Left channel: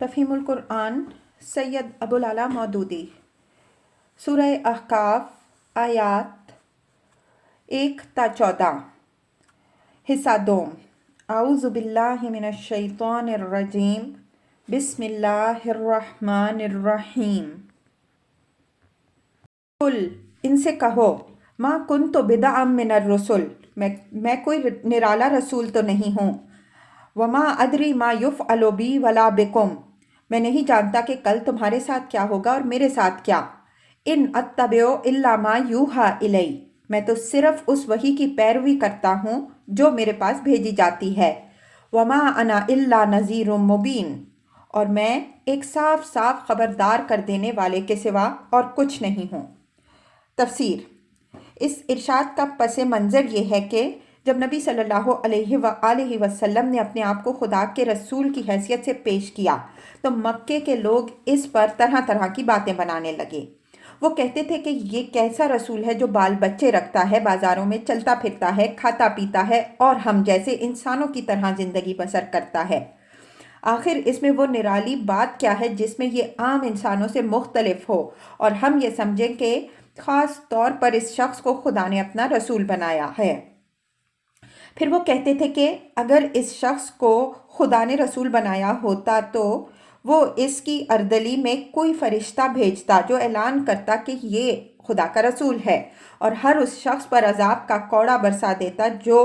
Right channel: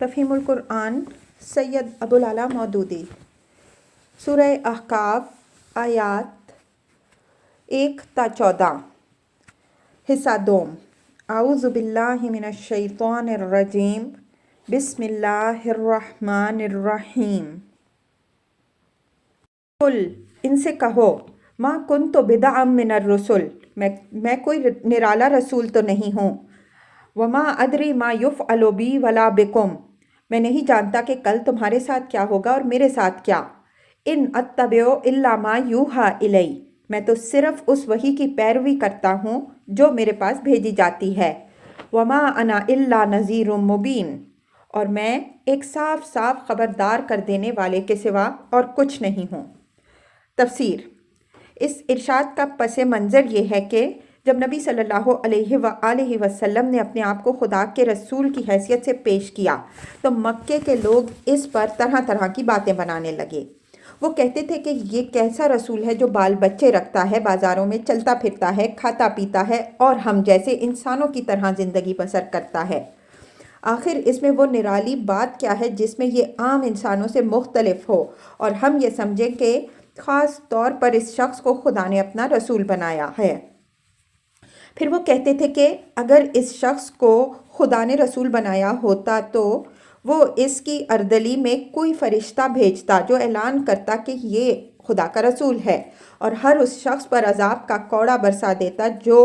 تفہیم القرآن سید ابوالعلا مودودی سورہ احقاف آیات 1 تا 14 حصہ دوم اعوذ باللہ من الشیطان الرجیم بسم اللہ الرحمن الرحیم قل ان سے کہو ما کنت بدعا من الرسل میں کوئی نرالا رسول تو نہیں ہوں وما ادری ما یفعل بی ولا بکم میں نہیں جانتا کہ کل تمہارے ساتھ کیا ہوگا اور میرے ساتھ کیا ان اتبع الا ما یوحى الی میں تو صرف اس وحی کی پیروی کرتا ہوں جو میرے پاس بھیجی جاتی ہے وما انا الا نذیر مبین اور میں ایک صاف صاف خبردار کر دینے والے کے سوا اور کچھ نہیں ہوں۔ تفسیر۔ اس ارشاد کا پس منظر یہ ہے کہ جب نبی صلی اللہ علیہ وآلہ وسلم نے اپنے آپ کو خدا کے رسول کی حیثیت سے پیش کیا تو مکے کے لوگ اس پر طرح طرح کی باتیں بنانے لگے۔ وہ کہتے تھے کہ یہ کیسا رسول ہے جو بال بچے رکھتا ہے، بازاروں میں چلتا پھرتا ہے، کھاتا پیتا ہے اور ہم جیسے انسانوں کی طرح زندگی بسر کرتا ہے۔ آخر اس میں وہ نرالی بات کیا ہے جس میں یہ عام انسانوں سے مختلف ہو اور ہم یہ سمجھیں کہ خاص طور پر اس شخص کو خدا نے اپنا رسول بنایا ہے۔ پھر وہ کہتے تھے کہ اگر اس شخص کو خدا نے رسول بنایا ہوتا تو وہ اس کی اردلی میں کوئی فرشتہ بھیجتا جو اعلان کرتا کہ یہ خدا کا رسول ہے اور ہر اس شخص پر عذاب کا کوڑا برسا دیتا جو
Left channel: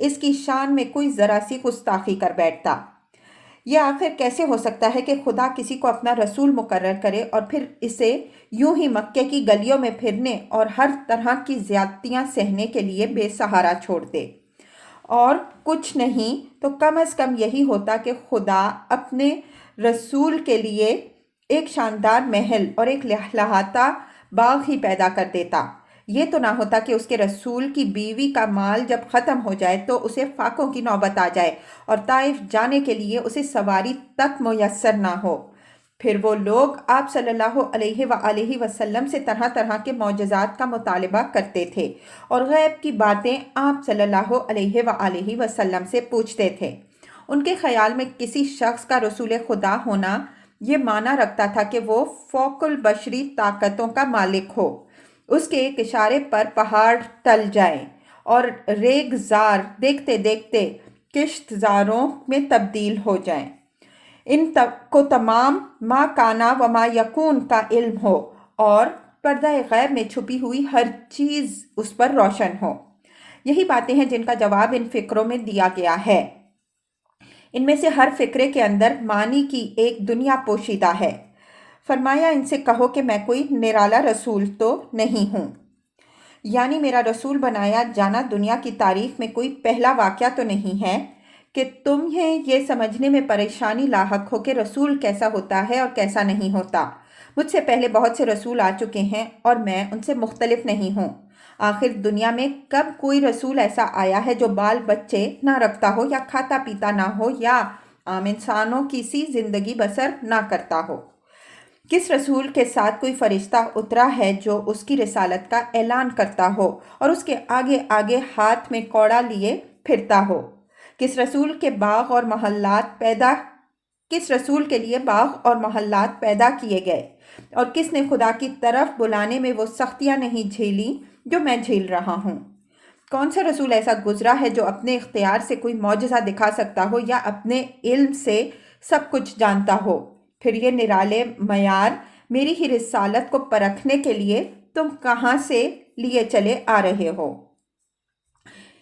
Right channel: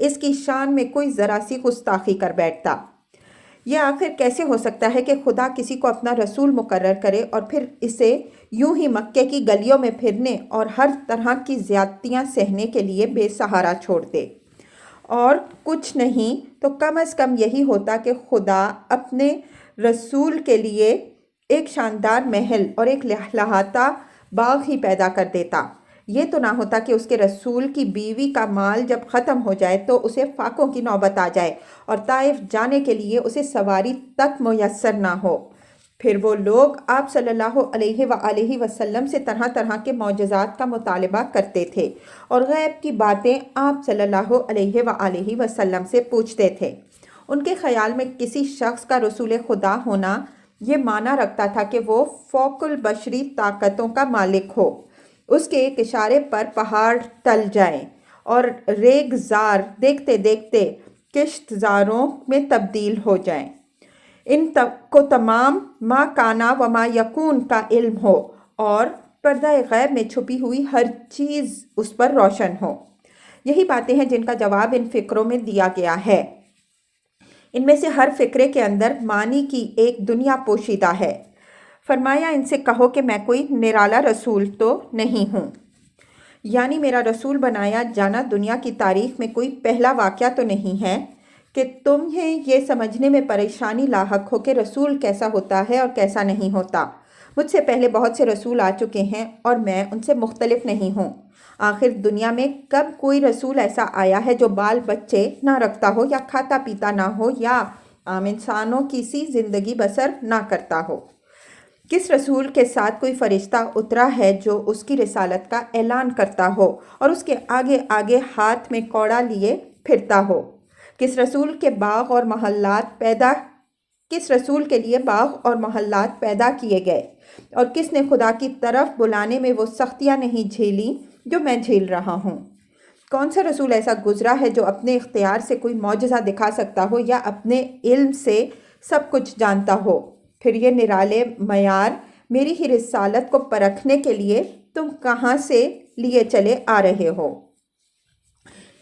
اس کی شان میں کوئی ذرا سی گستاخی کر بیٹھتا۔ یہ آخر کیسے ہو سکتا ہے کہ خدا کسی کو اپنا رسول مقرر کرے اور پھر اسے یوں ہی مکے کی گلیوں میں پھرنے اور ہر طرح کی زیادتیاں سہنے کے لیے بے سہارا چھوڑ دے؟ اور کچھ نہیں تو کم از کم یہی ہوتا کہ خدا اپنے رسول کے لیے ایک شاندار محل اور ایک لہلہاتا باغ ہی پیدا کر دیتا۔ یہ تو نہ ہوتا کہ اس کے رسول کی بیوی کا مال جب ختم ہو جائے تو اسے فاقوں کی نوبت آ جائے اور طائف جانے کے لیے اسے سواری تک میسر نہ ہو۔ پھر وہ لوگ آپ صلی اللہ علیہ وآلہ وسلم سے طرح طرح کے معجزات کا مطالبہ کرتے تھے اور غیب کی باتیں آپ صلی اللہ علیہ وآلہ وسلم سے پوچھتے تھے۔ ان کے خیال میں کسی شخص کا رسول خدا ہونا یہ معنی رکھتا تھا کہ وہ فوق البشری طاقتوں کا مالک ہو، اس کے ایک اشارے پر پہاڑ ٹل جائیں اور ریگ زار دیکھتے دیکھتے کشت زاروں میں تبدیل ہو جائیں، ان کو تمام ما کانا و ما یکون کا علم ہو اور پردہ غیب میں چھپی ہوئی ہر چیز اس پر روشن ہو۔ یہی باتیں ہیں جن کا جواب ان فقروں میں دیا گیا ہے۔ ان میں سے ہر فقرے کے اندر معنی کی ایک دنیا پوشیدہ ہے۔ فرمایا ان سے کہو کہ میں کوئی نرالا رسول تو نہیں ہوں، یعنی میرا رسول بنایا جانا دنیا کی تاریخ میں کوئی پہلا واقعہ تو نہیں ہے کہ تمہیں یہ سمجھنے میں پریشانی لاحق ہو کہ رسول کیسا ہوتا ہے اور کیسا نہیں ہوتا۔ مجھ سے پہلے بہت سے رسول آ چکے ہیں اور میں ان سے مختلف نہیں ہوں۔ آخر دنیا میں کب کوئی رسول ایسا آیا ہے جو بال بچے نہ رکھتا ہو یا کھاتا پیتا نہ ہو یا عام انسانوں کی سی زندگی بسر نہ کرتا ہو؟ کس رسول کے ساتھ کوئی فرشتہ اترا ہے جو اس کی رسالت کا اعلان کرتا ہو اور اس کے آگے آگے ہاتھ میں کوڑا لیے پھرتا ہو؟ کس رسول کے لیے باغ اور محلات پیدا کیے گئے اور کس نے خدا کی طرف بلانے میں وہ سختیاں نہیں جھیلی جو میں جھیل رہا ہوں؟ کون سا رسول ایسا گزرا ہے جو اپنے اختیار سے کوئی معجزہ دکھا سکتا ہو یا اپنے علم سے سب کچھ جانتا ہو؟ پھر یہ نرالے معیار میری ہی رسالت کو پرکھنے کے لیے تم کہاں سے لیے چلے آ رہے ہو؟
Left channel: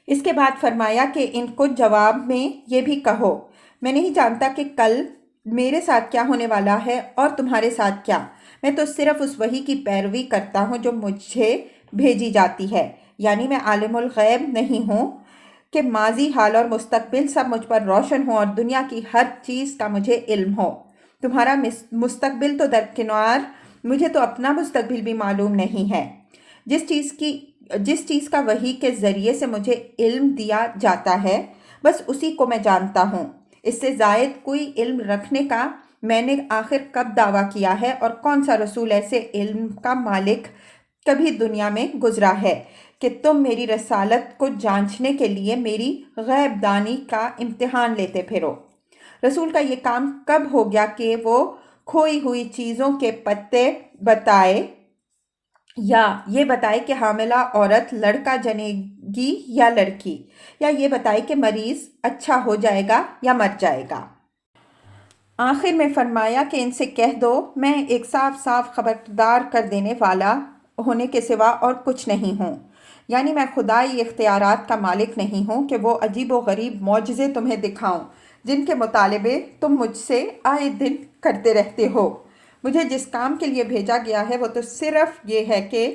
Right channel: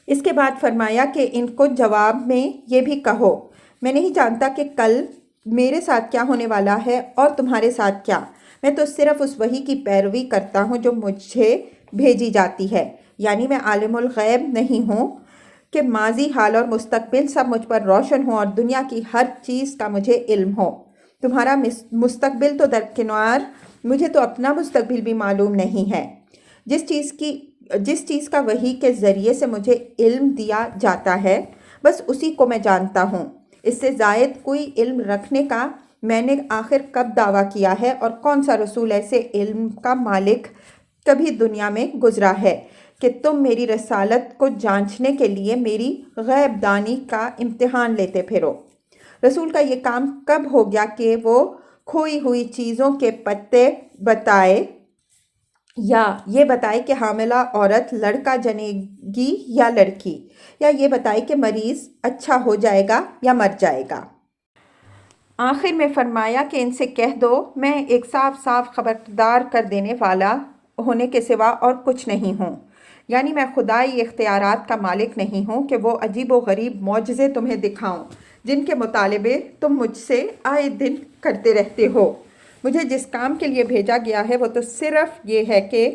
اس کے بعد فرمایا کہ ان کو جواب میں یہ بھی کہو میں نہیں جانتا کہ کل میرے ساتھ کیا ہونے والا ہے اور تمہارے ساتھ کیا، میں تو صرف اس وحی کی پیروی کرتا ہوں جو مجھے بھیجی جاتی ہے، یعنی میں عالم الغیب نہیں ہوں کہ ماضی حال اور مستقبل سب مجھ پر روشن ہو اور دنیا کی ہر چیز کا مجھے علم ہو۔ تمہارا مستقبل تو درکنار، مجھے تو اپنا مستقبل بھی معلوم نہیں ہے۔ جس چیز کا وحی کے ذریعے سے مجھے علم دیا جاتا ہے بس اسی کو میں جانتا ہوں، اس سے زائد کوئی علم رکھنے کا میں نے آخر کب دعویٰ کیا ہے اور کون سا رسول ایسے علم کا مالک کبھی دنیا میں گزرا ہے کہ تم میری رسالت کو جانچنے کے لیے میری غیب دانی کا امتحان لیتے پھرو؟ رسول کا یہ کام کب ہو گیا کہ وہ کھوئی ہوئی چیزوں کے پتے بتائے یا یہ بتائے کہ حاملہ عورت لڑکا جنے گی یا لڑکی، یا یہ بتائے کہ مریض اچھا ہو جائے گا یا مر جائے گا۔ آخر میں فرمایا کہ ان سے کہہ دو میں ایک صاف صاف خبردار کر دینے والا ہونے کے سوا اور کچھ نہیں ہوں، یعنی میں خدائی اختیارات کا مالک نہیں ہوں کہ وہ عجیب و غریب معجزے تمہیں دکھاؤں جن کے مطالبے تم مجھ سے آئے دن کرتے رہتے ہو۔ مجھے جس کام کے لیے بھیجا گیا ہے وہ تو صرف یہ ہے کہ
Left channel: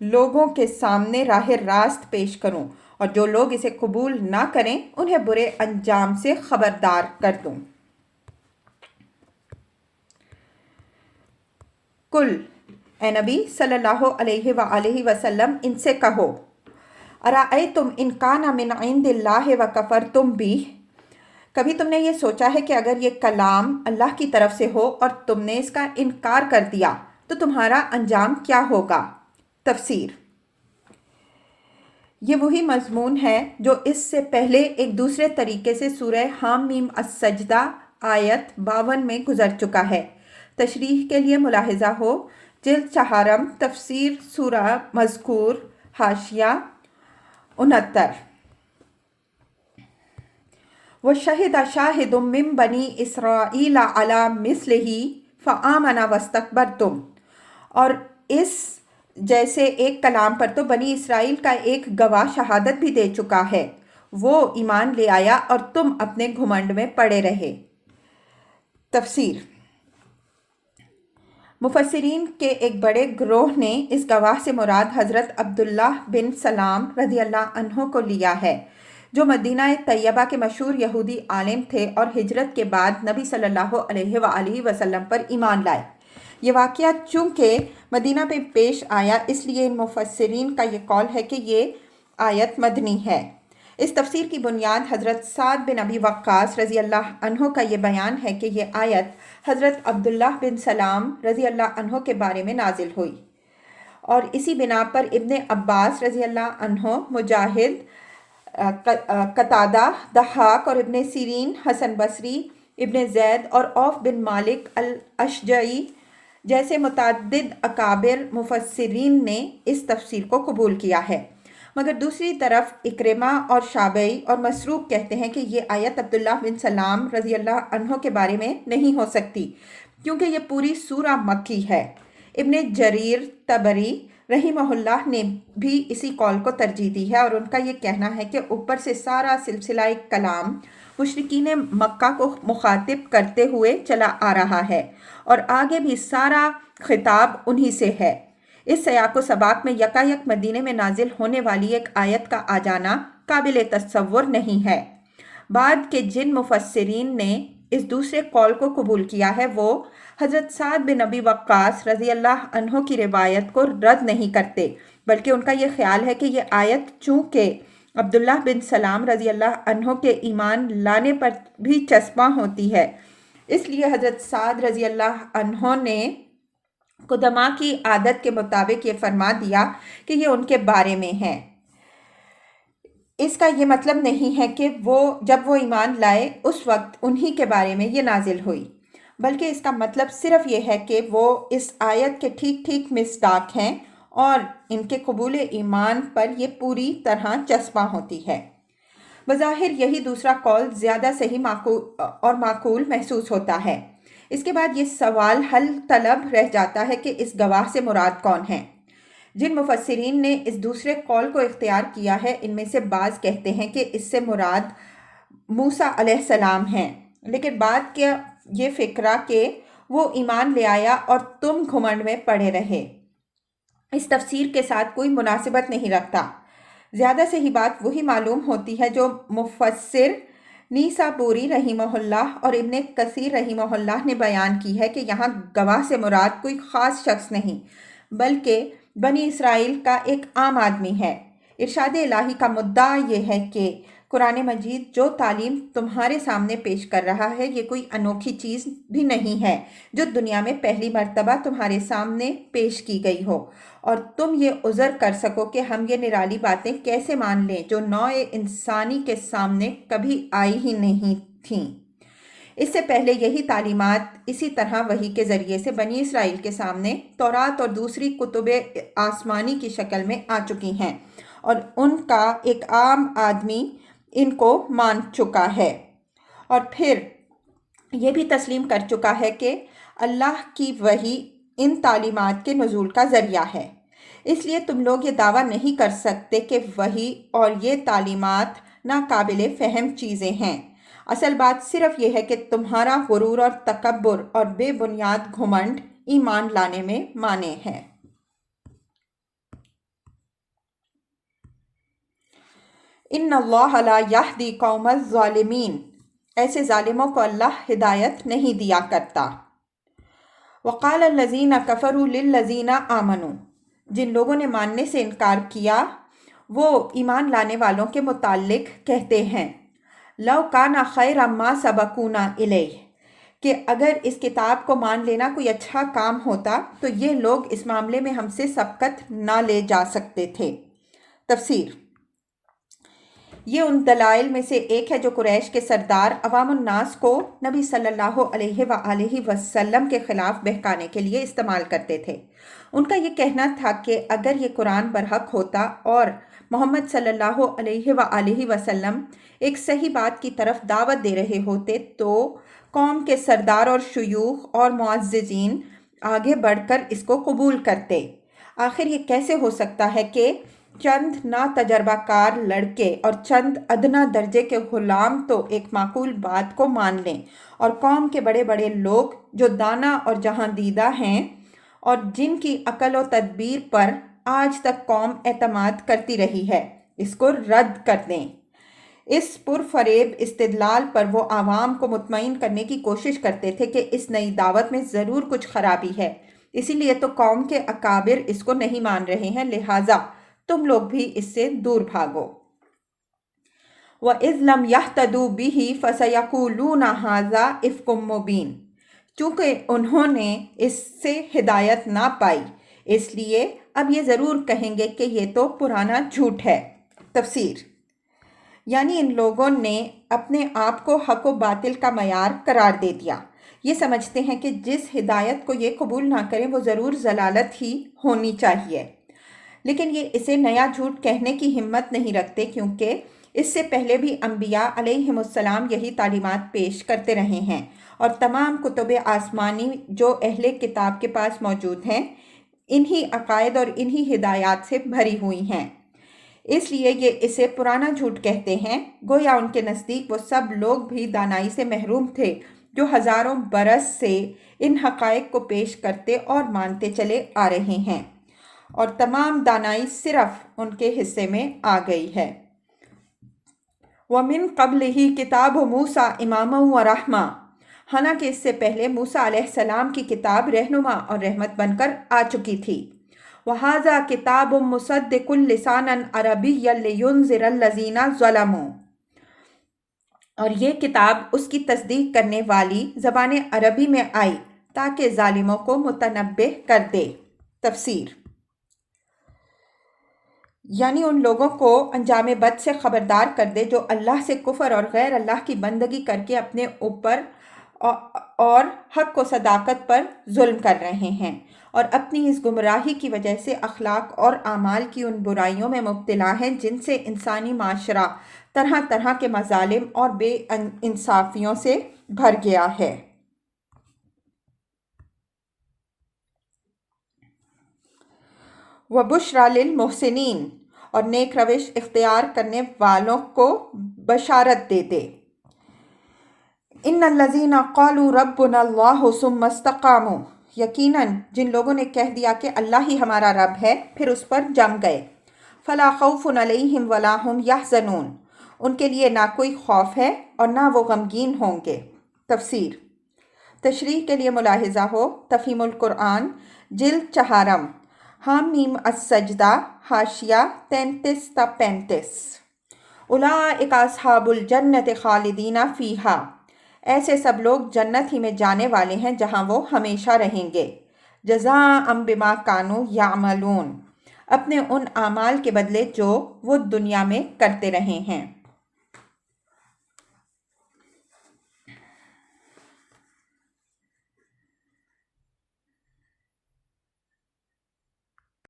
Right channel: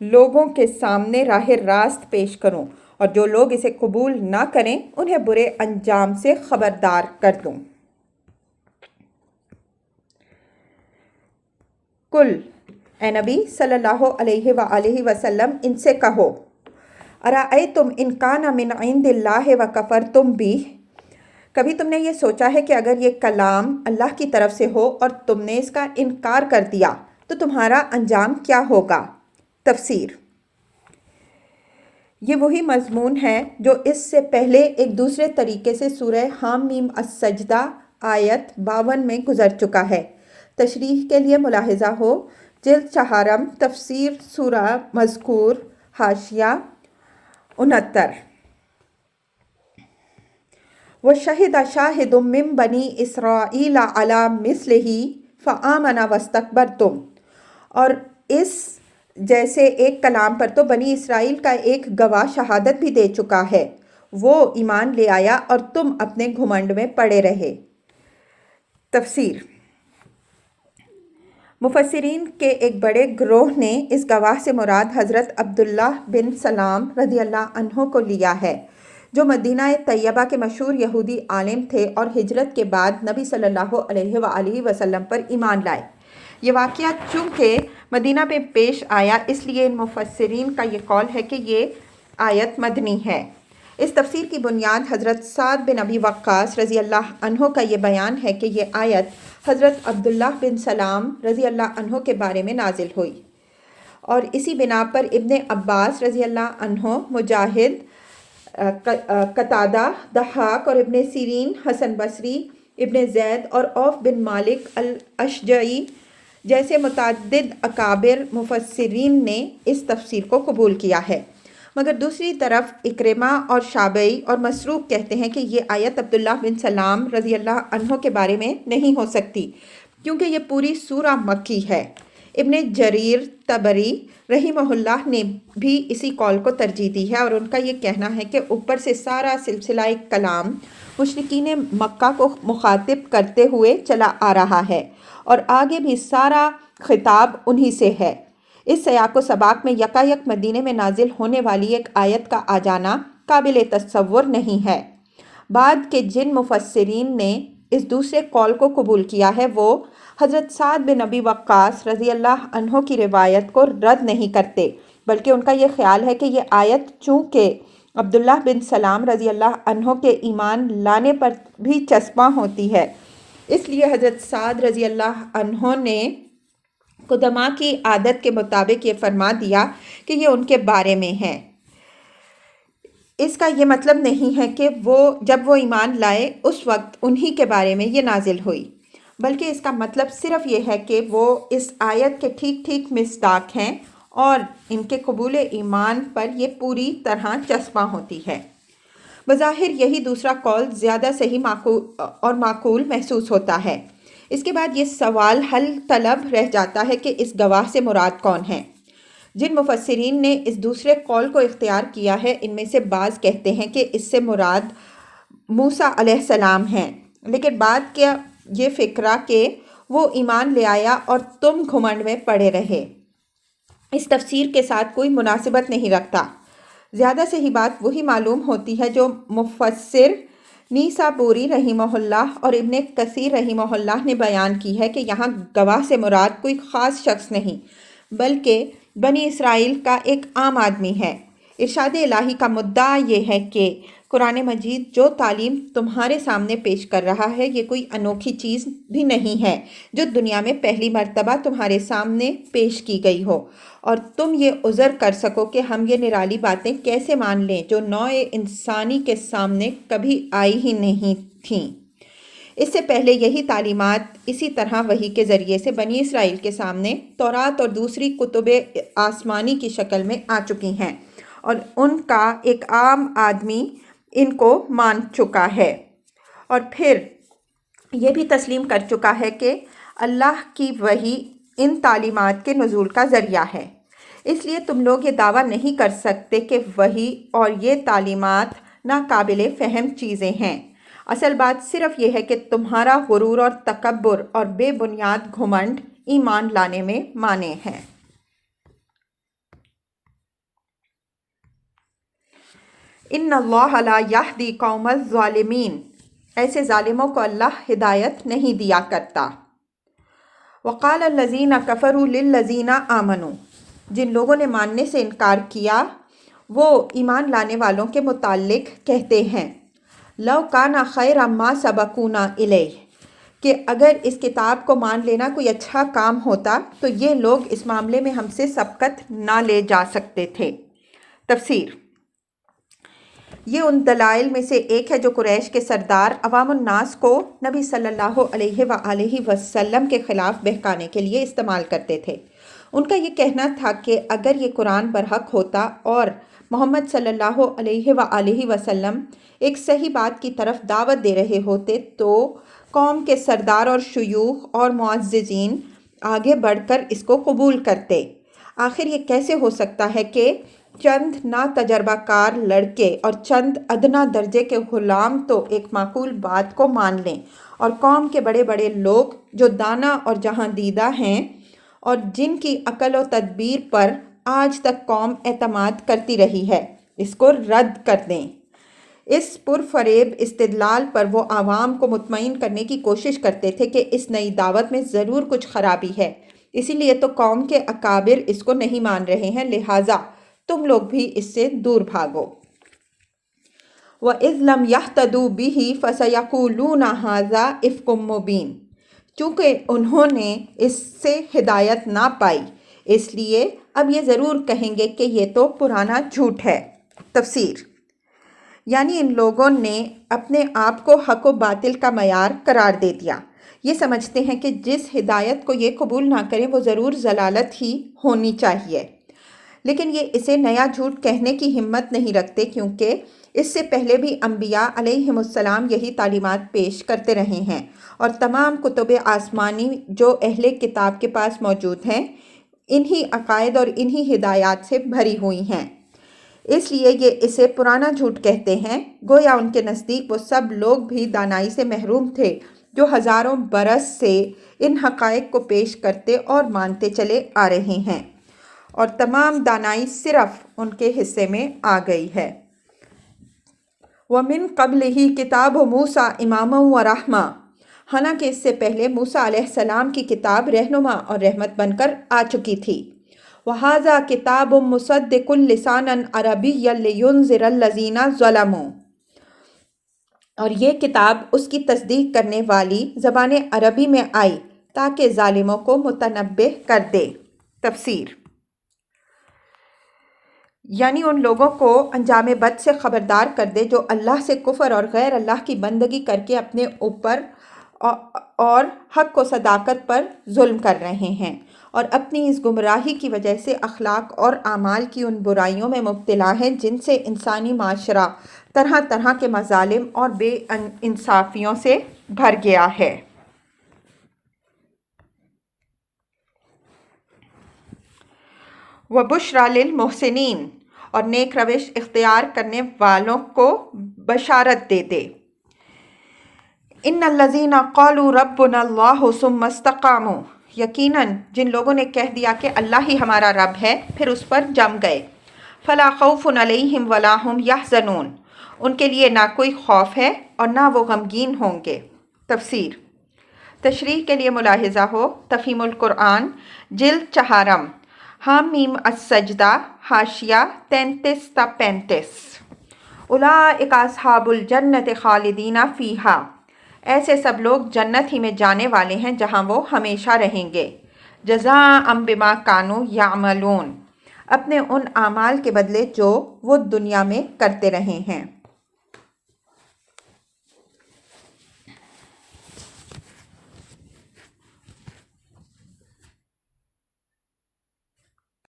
لوگوں کے سامنے راہ راست پیش کروں، اور جو لوگ اسے قبول نہ کریں انہیں برے انجام سے خبردار کر دوں۔ کل، اے نبی صلی اللہ علیہ وآلہ وسلم ان سے کہو، ارأیتم ان کان من عند اللہ وکفرتم بہ، کبھی تم نے یہ سوچا ہے کہ اگر یہ کلام اللہ کی طرف سے ہو اور تم نے اس کا انکار کر دیا تو تمہارا انجام کیا ہوگا؟ تفسیر۔ یہ وہی مضمون ہے جو اس سے پہلے ایک دوسرے طریقے سے سورہ حامیم السجدہ آیت 52 میں گزر چکا ہے۔ تشریح کے لیے ملاحظہ ہو، جلد چہارم تفسیر سورہ مذکور، حاشیہ 69۔ وَشَهِدَ شَاهِدٌ مِّن بَنِي إِسْرَائِيلَ عَلَىٰ مِثْلِهِ فَآمَنَ وَاسْتَكْبَرْتُمْ، اور اس جیسے ایک کلام پر تو بنی اسرائیل کا ایک گواہ شہادت بھی دے چکا ہے، وہ ایمان لے آیا اور تم اپنے گھمنڈ میں پڑے رہے۔ تفسیر۔ مفسرین کے ایک بڑے گروہ نے اس گواہ سے مراد حضرت عبداللہ بن سلام رضی اللہ عنہ کو لیا ہے، جو مدینہ طیبہ کے مشہور یہودی عالم تھے اور ہجرت کے بعد نبی صلی اللہ علیہ وآلہ وسلم پر ایمان لائے۔ یہ واقعہ چونکہ مدینہ میں پیش آیا اس لیے ان مفسرین کا یہ قول ہے کہ یہ آیت مدنی ہے۔ اس تفسیر کی بنیاد حضرت سعد بن ابی وقاص رضی اللہ عنہ کا یہ بیان ہے کہ یہ آیت حضرت عبداللہ بن سلام رضی اللہ عنہ کے بارے میں نازل ہوئی، اور اسی بنا پر ابن عباس رضی اللہ عنہ، مجاہد، قتادہ، ضحاک اور ابن سیرین، حسن بصری، ابن زید اور عوف بن مالک الاشجعی جیسے متعدد اکابر مفسرین نے اس تفسیر کو قبول کیا ہے، مگر دوسری طرف اکرمہ اور شعبی اور مسروق کہتے ہیں کہ یہ آیت عبداللہ بن سلام رضی اللہ عنہ کے بارے میں نہیں ہو سکتی کیونکہ یہ پوری سورہ مکی ہے۔ ابن جریر طبری رحمہ اللہ نے بھی اسی قول کو ترجیح دی ہے، اور ان کا یہ کہنا ہے کہ اوپر سے سارا سلسلہ کلام مشرکین مکہ کو مخاطب کرتے ہوئے چلا آ رہا ہے، اور آگے بھی سارا خطاب انہی سے ہے۔ اس سیاق و سباق میں یکایک مدینے میں نازل ہونے والی ایک آیت کا آ جانا قابل تصور نہیں ہے۔ بعد کے جن مفسرین نے اس دوسرے قول کو قبول کیا ہے وہ حضرت سعد بن ابی وقاص رضی اللہ عنہ کی روایت کو رد نہیں کرتے، بلکہ ان کا یہ خیال ہے کہ یہ آیت چونکہ عبداللہ بن سلام رضی اللہ عنہ کے ایمان لانے پر بھی چسپاں ہوتی ہے، اس لیے حضرت سعد رضی اللہ عنہ نے قدماء کی عادت کے مطابق یہ فرما دیا کہ یہ ان کے بارے میں ہے۔ اس کا یہ مطلب نہیں ہے کہ جب وہ ایمان لائے اس وقت انہی کے بارے میں یہ نازل ہوئی، بلکہ اس کا مطلب صرف یہ ہے کہ وہ اس آیت کے ٹھیک ٹھیک مصداق ہیں اور ان کے قبول ایمان پر یہ پوری طرح چسپاں ہوتی ہے۔ بظاہر یہی دوسرا قول زیادہ صحیح اور معقول محسوس ہوتا ہے۔ اس کے بعد یہ سوال حل طلب رہ جاتا ہے کہ اس گواہ سے مراد کون ہے؟ جن مفسرین نے اس دوسرے قول کو اختیار کیا ہے ان میں سے بعض کہتے ہیں کہ اس سے مراد موسیٰ علیہ السلام ہیں، لیکن بعد کے یہ فکرہ کہ وہ ایمان لے آیا اور تم گھمنڈ میں پڑے رہے اس تفسیر کے ساتھ کوئی مناسبت نہیں رکھتا۔ زیادہ صحیح بات وہی معلوم ہوتی ہے جو مفسر نیسابوری رحمہ اللہ اور ابن کثیر رحمہ اللہ نے بیان کی ہے کہ یہاں گواہ سے مراد کوئی خاص شخص نہیں بلکہ بنی اسرائیل کا ایک عام آدمی ہے۔ ارشاد الہی کا مدعا یہ ہے کہ قرآن مجید جو تعلیم تمہارے سامنے پیش کر رہا ہے یہ کوئی انوکھی چیز بھی نہیں ہے جو دنیا میں پہلی مرتبہ تمہارے سامنے پیش کی گئی ہو، اور تم یہ عذر کر سکو کہ ہم یہ نرالی باتیں کیسے مان لیں جو نوع انسانی کے سامنے کبھی آئی ہی نہیں تھیں۔ اس سے پہلے یہی تعلیمات اسی طرح وحی کے ذریعے سے بنی اسرائیل کے سامنے تورات اور دوسری کتب آسمانی کی شکل میں آ چکی ہیں، اور ان کا ایک عام آدمی ان کو مان چکا ہے اور پھر یہ بھی تسلیم کر چکا ہے کہ اللہ کی وحی ان تعلیمات کے نزول کا ذریعہ ہے۔ اس لیے تم لوگ یہ دعویٰ نہیں کر سکتے کہ وحی اور یہ تعلیمات ناقابل فہم چیزیں ہیں۔ اصل بات صرف یہ ہے کہ تمہارا غرور اور تکبر اور بے بنیاد گھمنڈ ایمان لانے میں مانع ہے۔ ان اللہ لا یہدی قوم الظالمین، ایسے ظالموں کو اللہ ہدایت نہیں دیا کرتا۔ وقال الذین کفروا للذین آمنوا، جن لوگوں نے ماننے سے انکار کیا وہ ایمان لانے والوں کے متعلق کہتے ہیں، لو کان خیرا ما سبقونا الیہ، کہ اگر اس کتاب کو مان لینا کوئی اچھا کام ہوتا تو یہ لوگ اس معاملے میں ہم سے سبقت نہ لے جا سکتے تھے۔ تفسیر: یہ ان دلائل میں سے ایک ہے جو قریش کے سردار عوام الناس کو نبی صلی اللہ علیہ وآلہ وسلم کے خلاف بہکانے کے لیے استعمال کرتے تھے۔ ان کا یہ کہنا تھا کہ اگر یہ قرآن برحق ہوتا اور محمد صلی اللہ علیہ وآلہ وسلم ایک صحیح بات کی طرف دعوت دے رہے ہوتے تو قوم کے سردار اور شیوخ اور معززین آگے بڑھ کر اس کو قبول کرتے۔ آخر یہ کیسے ہو سکتا ہے کہ چند ناتجربہ کار لڑکے اور چند ادنا درجے کے غلام تو ایک معقول بات کو مان لیں، اور قوم کے بڑے بڑے لوگ جو دانا اور جہاں دیدہ ہیں اور جن کی عقل و تدبیر پر آج تک قوم اعتماد کرتی رہی ہے، اس کو رد کر دیں۔ اس پرفریب استدلال پر وہ عوام کو مطمئن کرنے کی کوشش کرتے تھے کہ اس نئی دعوت میں ضرور کچھ خرابی ہے، اسی لیے تو قوم کے اکابر اس کو نہیں مان رہے ہیں، لہٰذا تم لوگ بھی اس سے دور بھاگو۔ وَإِذْ لَمْ يَهْتَدُوا بِهِ فَسَيَقُولُونَ هَٰذَا إِفْكٌ مُّبِينٌ، چونکہ انہوں نے اس سے ہدایت نہ پائی اس لیے اب یہ ضرور کہیں گے کہ یہ تو پرانا جھوٹ ہے۔ تفسیر: یعنی ان لوگوں نے اپنے آپ کو حق و باطل کا معیار قرار دے دیا۔ یہ سمجھتے ہیں کہ جس ہدایت کو یہ قبول نہ کریں وہ ضرور ضلالت ہی ہونی چاہیے، لیکن یہ اسے نیا جھوٹ کہنے کی ہمت نہیں رکھتے کیونکہ اس سے پہلے بھی انبیاء علیہم السلام یہی تعلیمات پیش کرتے رہے ہیں، اور تمام کتب آسمانی جو اہل کتاب کے پاس موجود ہیں انہی عقائد اور انہی ہدایات سے بھری ہوئی ہیں۔ اس لیے یہ اسے پرانا جھوٹ کہتے ہیں، گویا ان کے نزدیک وہ سب لوگ بھی دانائی سے محروم تھے جو ہزاروں برس سے ان حقائق کو پیش کرتے اور مانتے چلے آ رہے ہیں، اور تمام دانائی صرف ان کے حصے میں آ گئی ہے۔ وَمِن قَبْلِهِ كِتَابُ مُوسَىٰ إِمَامًا وَرَحْمَةً، حالانکہ اس سے پہلے موسیٰ علیہ السلام کی کتاب رہنما اور رحمت بن کر آ چکی تھی۔ وَهَٰذَا كِتَابٌ مُّصَدِّقٌ لِّسَانًا عَرَبِيًّا لِّيُنذِرَ الَّذِينَ ظَلَمُوا، اور یہ کتاب اس کی تصدیق کرنے والی زبان عربی میں آئی تاکہ ظالموں کو متنبہ کر دے۔ تفسیر: یعنی ان لوگوں کو انجام بد سے خبردار کر دے جو اللہ سے کفر اور غیر اللہ کی بندگی کر کے اپنے اوپر اور حق و صداقت پر ظلم کر رہے ہیں، اور اپنی اس گمراہی کی وجہ سے اخلاق اور اعمال کی ان برائیوں میں مبتلا ہیں جن سے انسانی معاشرہ طرح طرح کے مظالم اور بے انصافیوں سے بھر گیا ہے۔ وَبُشْرَىٰ لِلْمُحْسِنِينَ، اور نیک روش اختیار کرنے والوں کو بشارت دے دے۔ اِنَّ الَّذِينَ قَالُوا رَبُّنَا اللَّهُ ثُمَّ اسْتَقَامُوا، یقیناً جن لوگوں نے کہہ دیا کہ اللہ ہی ہمارا رب ہے پھر اس پر جم گئے، فَلَا خَوْفٌ عَلَيْهِمْ وَلَا هُمْ يَحْزَنُونَ، ان کے لیے نہ کوئی خوف ہے اور نہ وہ غمگین ہوں گے۔ تفسیر: تشریح کے لیے ملاحظہ ہو تفہیم القرآن جلد 4 حامیم السجدہ حاشیہ 33 تا 35۔ اولئک اصحاب الجنۃ خالدین فیہا، ایسے سب لوگ جنت ہی میں جانے والے ہیں جہاں وہ ہمیشہ رہیں گے، جزاء بما کانوا یعملون، اپنے ان اعمال کے بدلے جو وہ دنیا میں کرتے رہے ہیں۔